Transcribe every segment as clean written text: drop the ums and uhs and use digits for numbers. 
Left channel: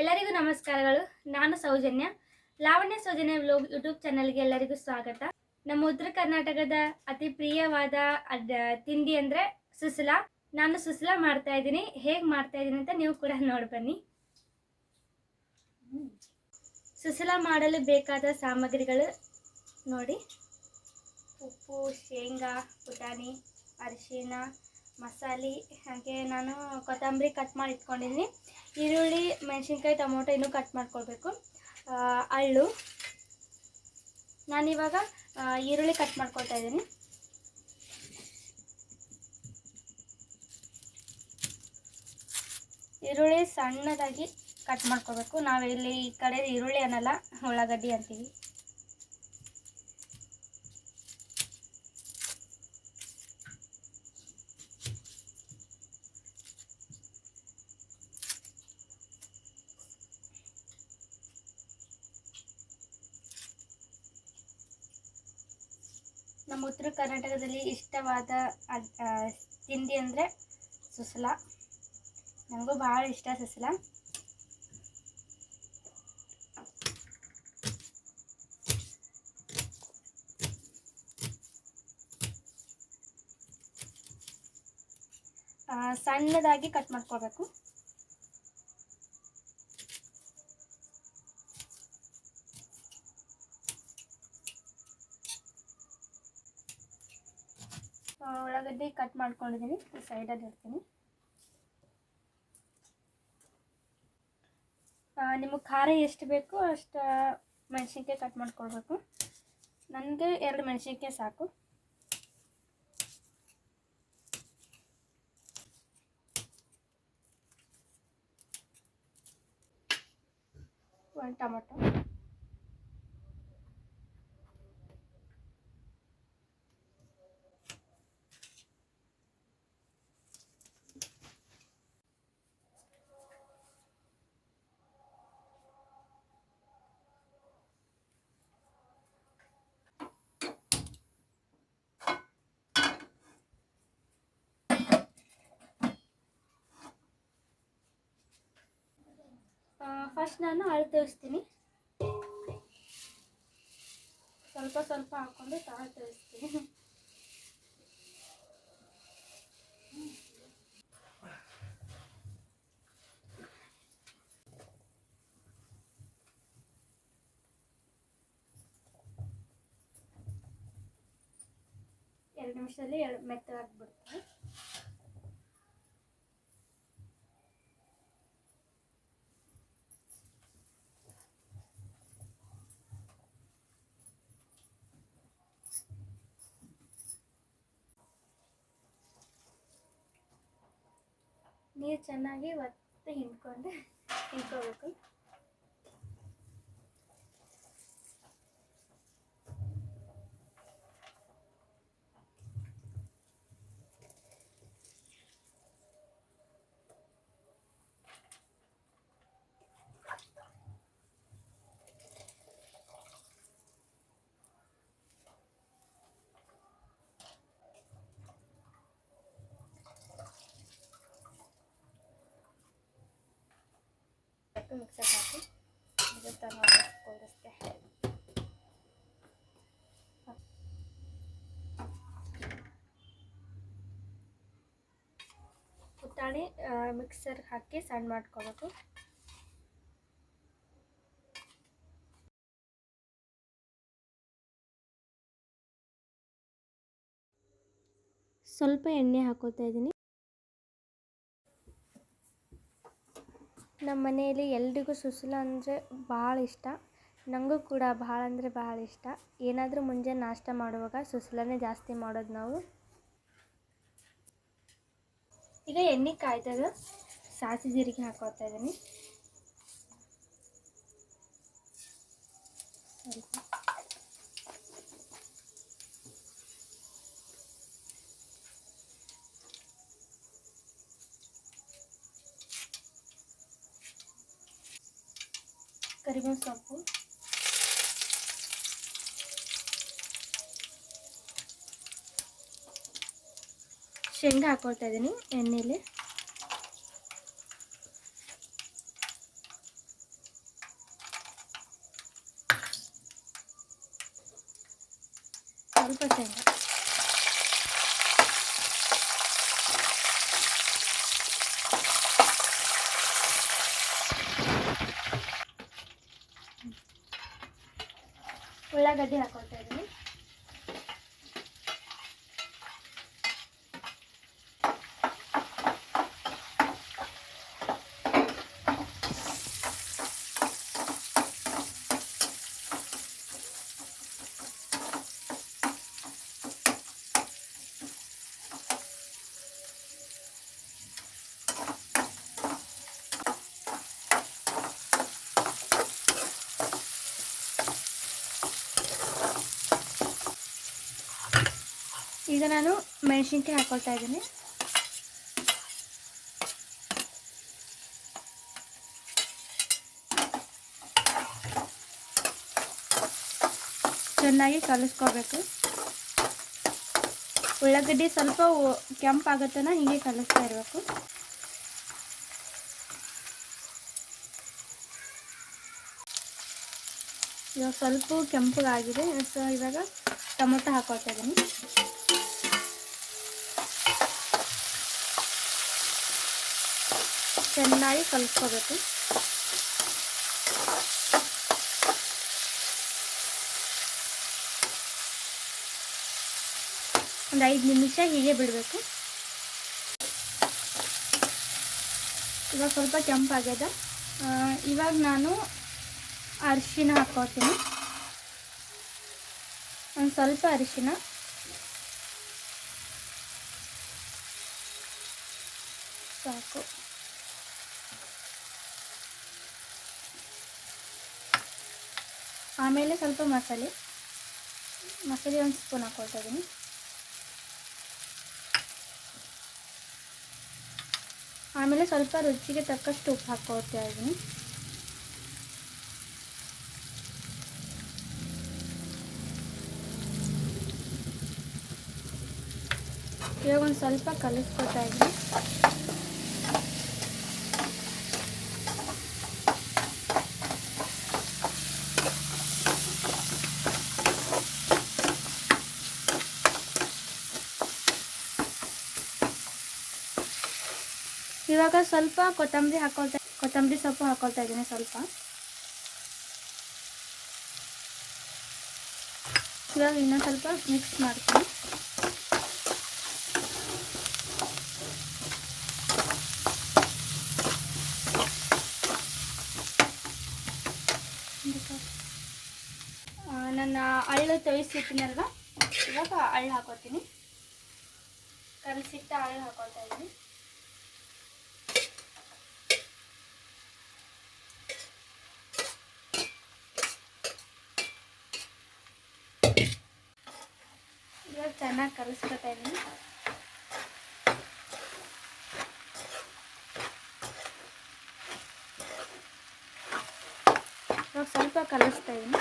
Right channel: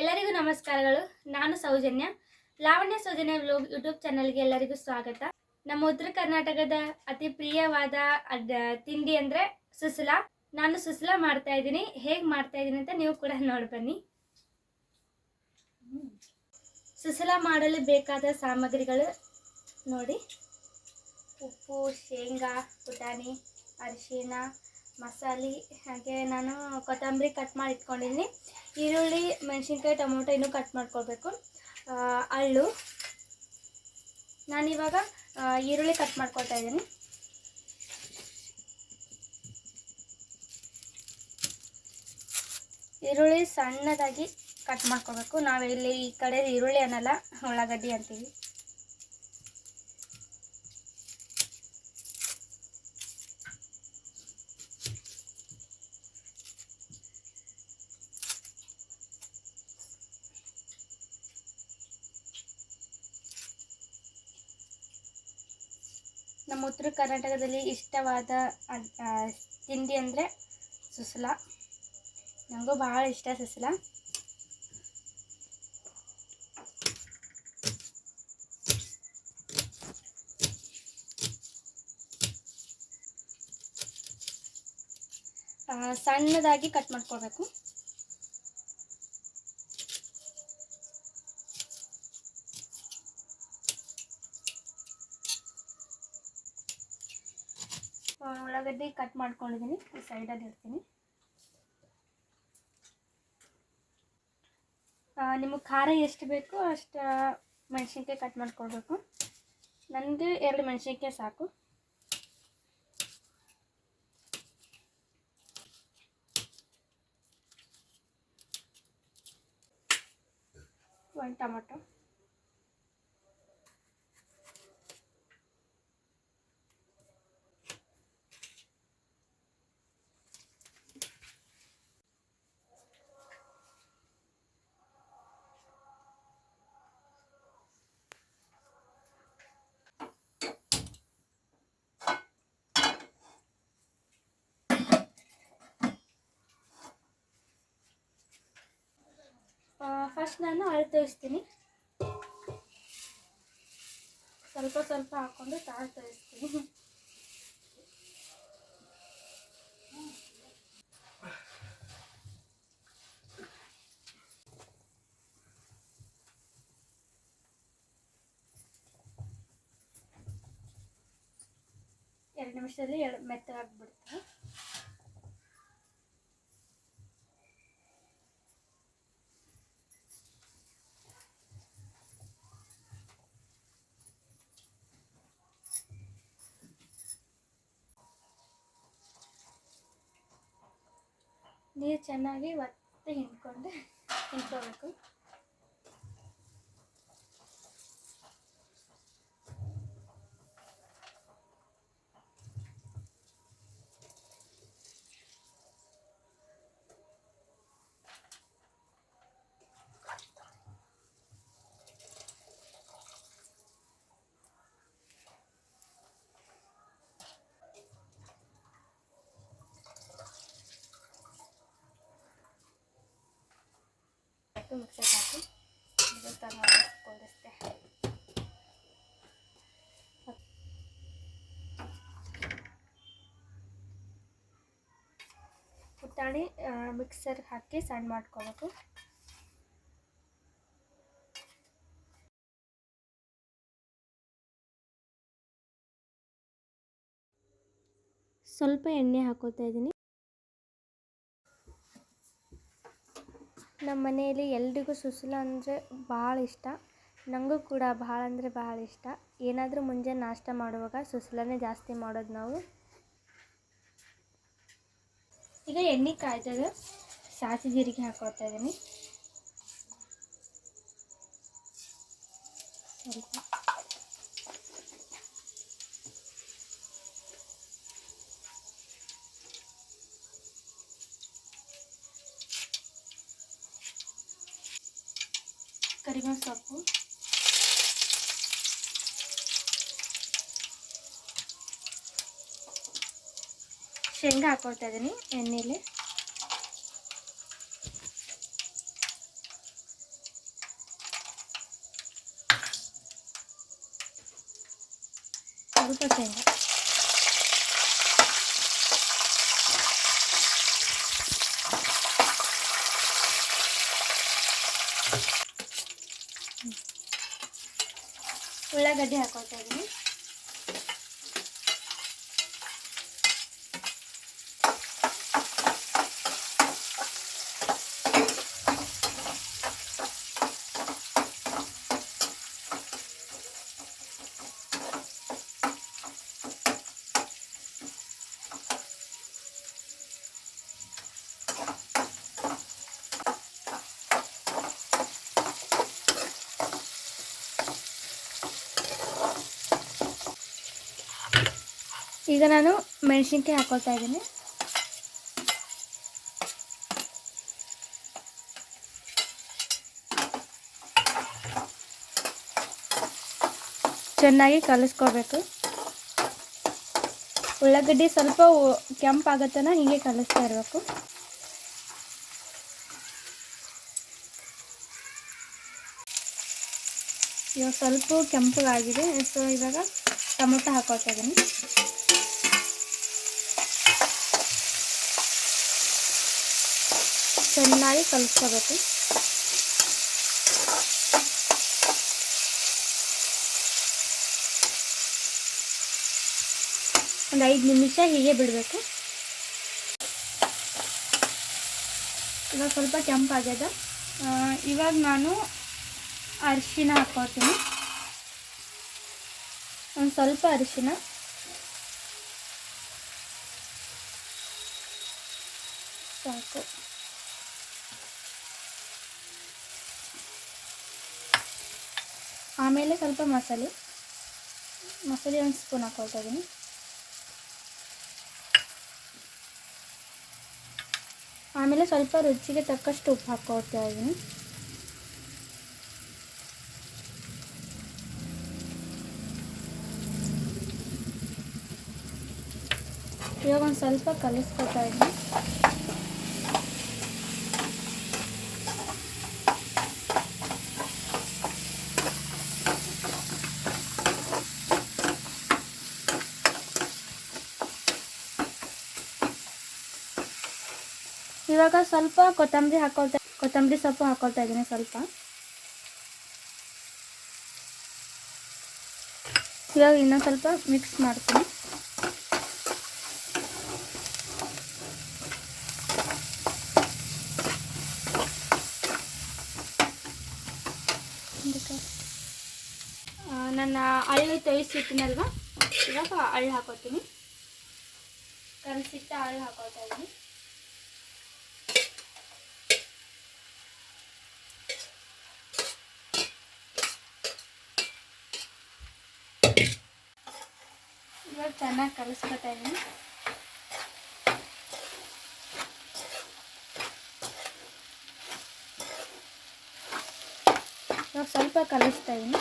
ಎಲ್ಲರಿಗೂ ನಮಸ್ಕಾರಗಳು. ನಾನು ಸೌಜನ್ಯ. ಲಾವಣ್ಯ ಸೌಜನ್ಯ ವ್ಲಾಗ್ ಯೂಟ್ಯೂಬ್ ಚಾನಲ್ಗೆ ಎಲ್ಲರಿಗೂ ಸ್ವಾಗತ. ನಮ್ಮ ಉತ್ತರ ಕರ್ನಾಟಕದ ಅತಿ ಪ್ರಿಯವಾದ ತಿಂಡಿ ಅಂದರೆ ಸುಸ್ಲಾ. ನಾನು ಸುಸ್ಲಾ ಮಾಡ್ತಾ ಇದ್ದೀನಿ. ಹೇಗೆ ಮಾಡ್ತಾ ಇದ್ದೀನಿ ಅಂತ ನೀವು ಕೂಡ ನೋಡಿ ಬನ್ನಿ. ಸುಸ್ಲಾ ಮಾಡಲು ಬೇಕಾದ ಸಾಮಗ್ರಿಗಳು ನೋಡಿ: ಉಪ್ಪು, ಶೇಂಗಾ, ಪುಟಾಣಿ, ಅರಿಶಿನ, ಮಸಾಲೆ, ಹಾಗೆ ನಾನು ಕೊತ್ತಂಬರಿ ಕಟ್ ಮಾಡಿ ಇಟ್ಕೊಂಡಿದ್ದೀನಿ. ಈರುಳ್ಳಿ, ಮೆಣಸಿನ್ಕಾಯಿ, ಟೊಮೊಟೊ ಇನ್ನೂ ಕಟ್ ಮಾಡ್ಕೊಳ್ಬೇಕು. ಅಳ್ಳು, ನಾನಿವಾಗ ಈರುಳ್ಳಿ ಕಟ್ ಮಾಡ್ಕೊಳ್ತಾ ಇದ್ದೀನಿ. ಈರುಳ್ಳಿ ಸಣ್ಣದಾಗಿ ಕಟ್ ಮಾಡ್ಕೊಳ್ಬೇಕು. ನಾವು ಇಲ್ಲಿ ಈ ಕಡೆ ಈರುಳ್ಳಿ ಅನ್ನಲ್ಲ, ಉಳ್ಳಾಗಡ್ಡಿ ಅಂತೀವಿ. ನಮ್ಮ ಉತ್ತರ ಕರ್ನಾಟಕದಲ್ಲಿ ಇಷ್ಟವಾದ ತಿಂಡಿ ಅಂದರೆ ಸುಸ್ಲಾ. ನನಗೂ ಭಾಳ ಇಷ್ಟ ಸುಸ್ಲಾ. ಸಣ್ಣದಾಗಿ ಕಟ್ ಮಾಡ್ಕೋಬೇಕು. ಉಳ್ಳಾಗಡ್ಡಿ ಕಟ್ ಮಾಡ್ಕೊಂಡಿದ್ದೀನಿ, ಈ ಸೈಡಲ್ಲಿ ಇಡ್ತೀನಿ. ನಿಮಗೆ ಖಾರ ಎಷ್ಟು ಬೇಕೋ ಅಷ್ಟು ಮೆಣಸಿನ್ಕಾಯಿ ಕಟ್ ಮಾಡ್ಕೊಳ್ಬೇಕು. ನನಗೆ 2 ಮೆಣಸಿನ್ಕಾಯಿ ಸಾಕು. ಒಂದು ಟೊಮೊಟೊ, ಫಸ್ಟ್ ನಾನು ಅಳತೆ ತೋರಿಸ್ತೀನಿ. ಸ್ವಲ್ಪ ಸ್ವಲ್ಪ ಹಾಕ್ಕೊಂಡು ತಾಳು ತೋರಿಸ್ತೀನಿ. ಎರಡು ನಿಮಿಷದಲ್ಲಿ ಮೆತ್ತಗಾಗ್ಬಿಡುತ್ತೆ. ನೀರು ಚೆನ್ನಾಗಿ ಒತ್ತಿ ಹಿಂಡ್ಕೋಬೇಕು. ಮಿಕ್ಸರ್ ಹಾಕಿ ಕೂಡಿಸ್ತೆ. ಪುಟಾಣಿ ಮಿಕ್ಸರ್ ಹಾಕಿ ಸಣ್ಣ ಮಾಡ್ಕೋಬೇಕು. ಸ್ವಲ್ಪ ಎಣ್ಣೆ ಹಾಕೋತಾ ಇದ್ದೀನಿ. ನಮ್ಮ ಮನೆಯಲ್ಲಿ ಎಲ್ರಿಗೂ ಸುಸ್ಲಾ ಅಂದರೆ ಭಾಳ ಇಷ್ಟ. ನನಗೂ ಕೂಡ ಭಾಳ ಅಂದರೆ ಭಾಳ ಇಷ್ಟ. ಏನಾದರೂ ಮುಂಜಾನೆ ನಾಷ್ಟ ಮಾಡುವಾಗ ಸುಸ್ಲಾನೇ ಜಾಸ್ತಿ ಮಾಡೋದು ನಾವು. ಈಗ ಎಣ್ಣೆ ಕಾಯ್ತದ, ಸಾಸಿವೆ ಜೀರಿಗೆ ಹಾಕೋತಾ ಇದ್ದೀನಿ. ಸ್ವಲ್ಪ ಕರಿಬೇವು ಸೊಪ್ಪು, ಶೇಂಗಾ ಹಾಕೊಳ್ತಾ ಇದ್ದೀನಿ ಎಣ್ಣೆಲಿ. ಸ್ವಲ್ಪ ಶೇಂಗಾ. ಉಳ್ಳಾಗಡ್ಡಿ ಹಾಕೊಳ್ತಾ ಇದ್ದೀನಿ. ಈಗ ನಾನು ಮೆಣಸಿನ್ಕಾಯಿ ಹಾಕೊಳ್ತಾ ಇದ್ದೀನಿ. ಚೆನ್ನಾಗಿ ಕಲಿಸ್ಕೋಬೇಕು. ಉಳ್ಳಾಗಡ್ಡಿ ಸ್ವಲ್ಪ ಕೆಂಪಾಗತ್ತನ ಹೀಗೆ ಕಲಿಸ್ತಾ ಇರಬೇಕು. ಇವಾಗ ಸ್ವಲ್ಪ ಕೆಂಪಗಾಗಿದೆ. ಸೊ ಇವಾಗ ಟೊಮೊಟೊ ಹಾಕೊಳ್ತಾ ಇದ್ದೀನಿ. ಚೆನ್ನಾಗಿ ಕಲಿಸ್ಕೋಬೇಕು. ಒಂದು 5 ನಿಮಿಷ ಹೀಗೆ ಬಿಡಬೇಕು. ಇವಾಗ ಸ್ವಲ್ಪ ಕೆಂಪಾಗ್ಯದ. ಇವಾಗ ನಾನು ಅರಿಶಿನ ಹಾಕ್ಕೊಳ್ತೀನಿ. ಒಂದು ಸ್ವಲ್ಪ ಅರಿಶಿನ, ಸಾಕು. ಆಮೇಲೆ ಸ್ವಲ್ಪ ಮಸಾಲೆ ಒಂದು ಸ್ಪೂನ್ ಹಾಕ್ಕೊಳ್ತಾ ಇದ್ದೀನಿ. ಆಮೇಲೆ ಸ್ವಲ್ಪ ರುಚಿಗೆ ತಕ್ಕಷ್ಟು ಉಪ್ಪು ಹಾಕ್ಕೊಳ್ತಾ ಇದ್ದೀನಿ. ಇವಾಗ ಒಂದು ಸ್ವಲ್ಪ ಕಲಿಸ್ಕೊಳ್ತಾ ಇದ್ದೀನಿ. ಇವಾಗ ಸ್ವಲ್ಪ ಕೊತ್ತಂಬರಿ ಸೊಪ್ಪು ಹಾಕ್ಕೊಳ್ತಾ ಇದ್ದೀನಿ. ಸ್ವಲ್ಪ ಇವಾಗ ಇನ್ನೊಂದು ಸ್ವಲ್ಪ ಮಿಕ್ಸ್ ಮಾಡ್ತೀನಿ. ನನ್ನ ಅಳ್ಳು ತೊಯಿಸಿಟ್ಟಿನಲ್ವ, ಇವಾಗ ಅಳ್ಳು ಹಾಕೋತೀನಿ. ಕಲಸಿಟ್ಟ ಅಳ್ಳು ಹಾಕೊಳ್ತಾ ಇದ್ದೀನಿ. ಇವಾಗ ಚೆನ್ನಾಗಿ ಕಲಿಸ್ಕೊತಾ ಇದ್ದೀನಿ. ಇವಾಗ ಸ್ವಲ್ಪ ಕಲಿಸ್ತಾ ಇದ್ದೀನಿ.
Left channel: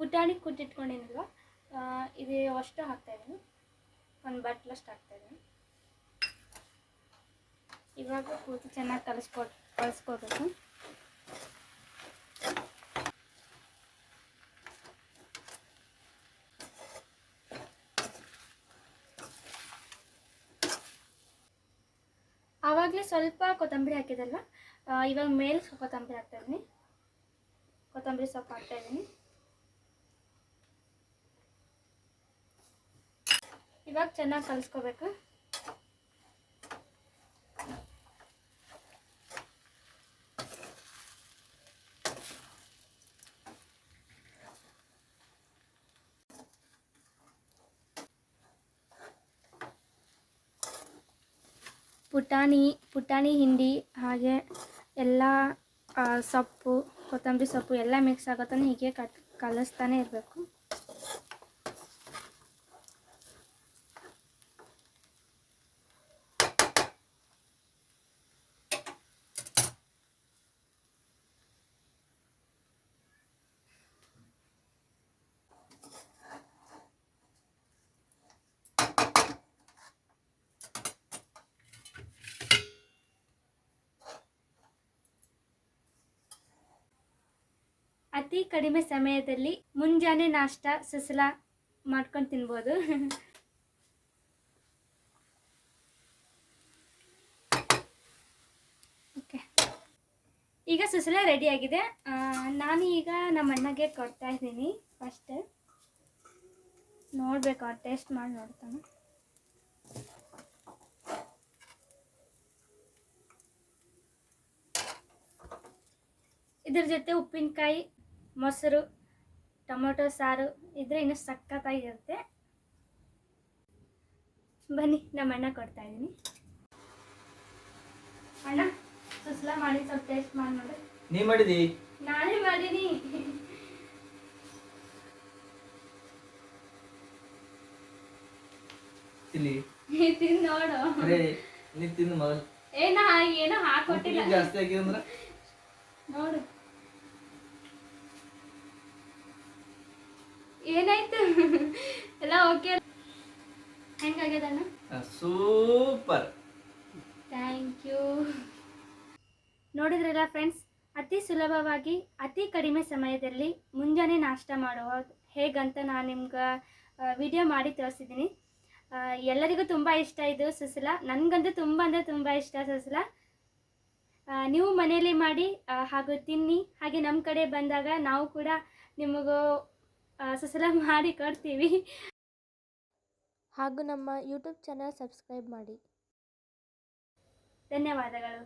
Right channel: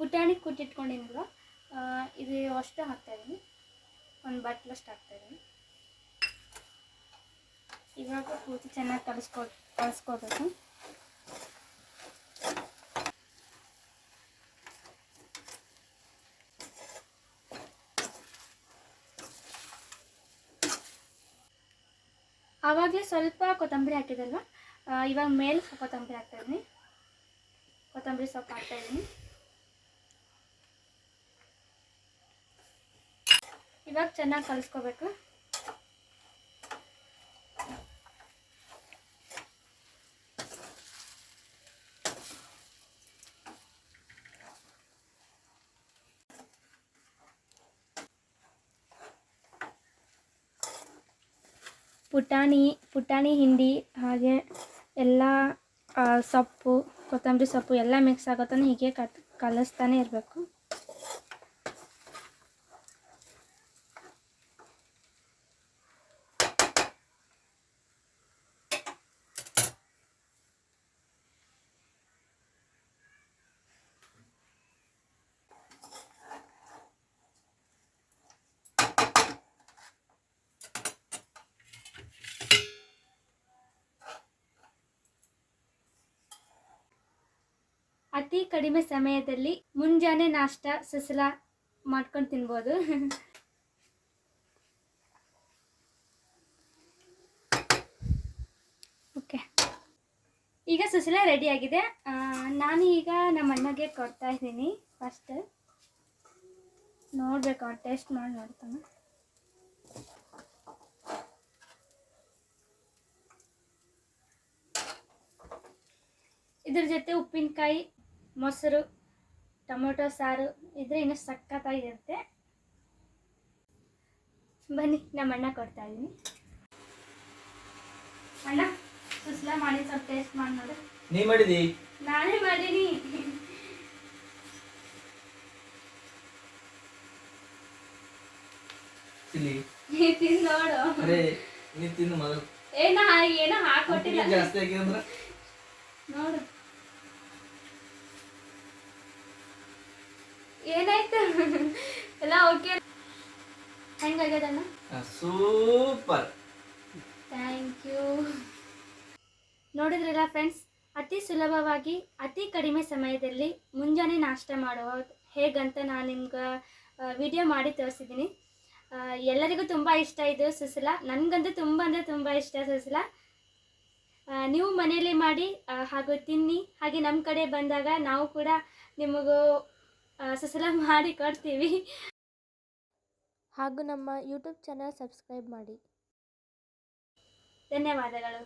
ಪುಟಾಣಿ ಕುಟ್ಟಿಟ್ಕೊಂಡಿನಲ್ವ, ಇದು ಅಷ್ಟು ಹಾಕ್ತಾಯಿದ್ದೀನಿ. ಒಂದು ಬಟ್ಲಷ್ಟು ಹಾಕ್ತಾಯಿದ್ದೀನಿ. ಇವಾಗ ಪೂರ್ತಿ ಚೆನ್ನಾಗಿ ಕಲಿಸ್ಕೋಬೇಕು. ಆವಾಗಲೇ ಸ್ವಲ್ಪ ಕೊತ್ತಂಬರಿ ಹಾಕಿದಲ್ವ, ಇವಾಗ ಮೇಲೆ ಕೊತ್ತಂಬರಿ ಹಾಕ್ತಾಯಿದ್ದೀನಿ. ಕೊತ್ತಂಬರಿ ಸೊಪ್ಪು ಹಾಕ್ತಾಯಿದ್ದೀನಿ. ಇವಾಗ ಚೆನ್ನಾಗಿ ಕಲಿಸ್ಕೋಬೇಕು. ಪುಟಾಣಿ ಹಿಂಡಿ ಹಾಗೆ ಎಲ್ಲ ಸೊಪ್ಪು, ಕೊತ್ತಂಬರಿ ಸೊಪ್ಪು ಎಲ್ಲ ಮಿಕ್ಸ್ ಆಗೋತನ ಹೀಗೆ ಕಲಿಸ್ತಾನೆ ಇರಬೇಕು. ಅತಿ ಕಡಿಮೆ ಸಮಯದಲ್ಲಿ ಮುಂಜಾನೆ ನಾಷ್ಟ ಸುಸಲ ಮಾಡ್ಕೊಂಡು ತಿನ್ಬೋದು. ಓಕೆ, ಈಗ ಸುಸಲ ರೆಡಿಯಾಗಿದೆ. ನಾನು ಈಗ ನಮ್ಮ ಅಣ್ಣಗೆ ಕೊಡ್ತಾ ಇದ್ದೀನಿ. ಫಸ್ಟ್ ನೋಡ್ಬೇಕು, ಟೇಸ್ಟ್ ಮಾಡಿ ನೋಡ್ತಾನೆ. ಇದ್ರ ಜೊತೆ ಉಪ್ಪಿನಕಾಯಿ, ಮೊಸರು, ಟೊಮೊಟೊ ಸಾರು ಇದ್ರೆ ಇನ್ನೂ ಸಖತ್ತಾಗಿರುತ್ತೆ. ಬನ್ನಿ, ನಮ್ಮ ಅಣ್ಣ ಕೊಡ್ತಾ ಇದ್ದೀನಿ. ಅಣ್ಣ, ಸುಸ್ಲ ಮಾಡಿ ಸ್ವಲ್ಪ ಟೇಸ್ಟ್ ಮಾಡಿ ನೋಡಿ. ನೀ ಮಾಡಿದಿ? ನಾನೇ ಮಾಡೀನಿ. ತಿನ್ನಿ, ತಿನ್ ನೋಡು. ಅರೆ ನೀ ತಿನ್ನು ಮೊದಲು. ಏನೋ ಹಾಕೊಟ್ಟಿಲ್ಲ, ಜಾಸ್ತಿ ಆಗಿದ್ರೆ ನೋಡು. ಏನಾಯ್ತು? ಎಲ್ಲ ಓಕೆ? ಹೆಂಗಾಗ್ಯದಣ್ಣ? Super, thank you. ನೋಡಿದ್ರಲ್ಲ ಫ್ರೆಂಡ್ಸ್, ಅತಿ ಸುಲಭವಾಗಿ ಅತಿ ಕಡಿಮೆ ಸಮಯದಲ್ಲಿ ಮುಂಜಾನೆ ನಾಷ್ಟ ಮಾಡೋದು ಹೇಗಂತ ನಾನು ನಿಮ್ಗೆ ವಿಡಿಯೋ ಮಾಡಿ ತೋರಿಸಿದ್ದೀನಿ. ಎಲ್ಲರಿಗೂ ತುಂಬ ಇಷ್ಟ ಇದು ಸುಸಲ. ನನಗಂತೂ ತುಂಬ ಅಂದರೆ ತುಂಬ ಇಷ್ಟ ಸುಸಲ. ನೀವು ಮನೆಯಲ್ಲೇ ಮಾಡಿ ಹಾಗೂ ತಿನ್ನಿ. ಹಾಗೆ ನಮ್ಮ ಕಡೆ ಬಂದಾಗ ನಾವು ಕೂಡ ನಿಮಗೂ ಸುಸಲ ಮಾಡಿ ಕೊಡ್ತೀವಿ. ಹಾಗೂ ನಮ್ಮ ಯೂಟ್ಯೂಬ್ ಚಾನಲ್ ಸಬ್ಸ್ಕ್ರೈಬ್ ಮಾಡಿ. ಧನ್ಯವಾದಗಳು.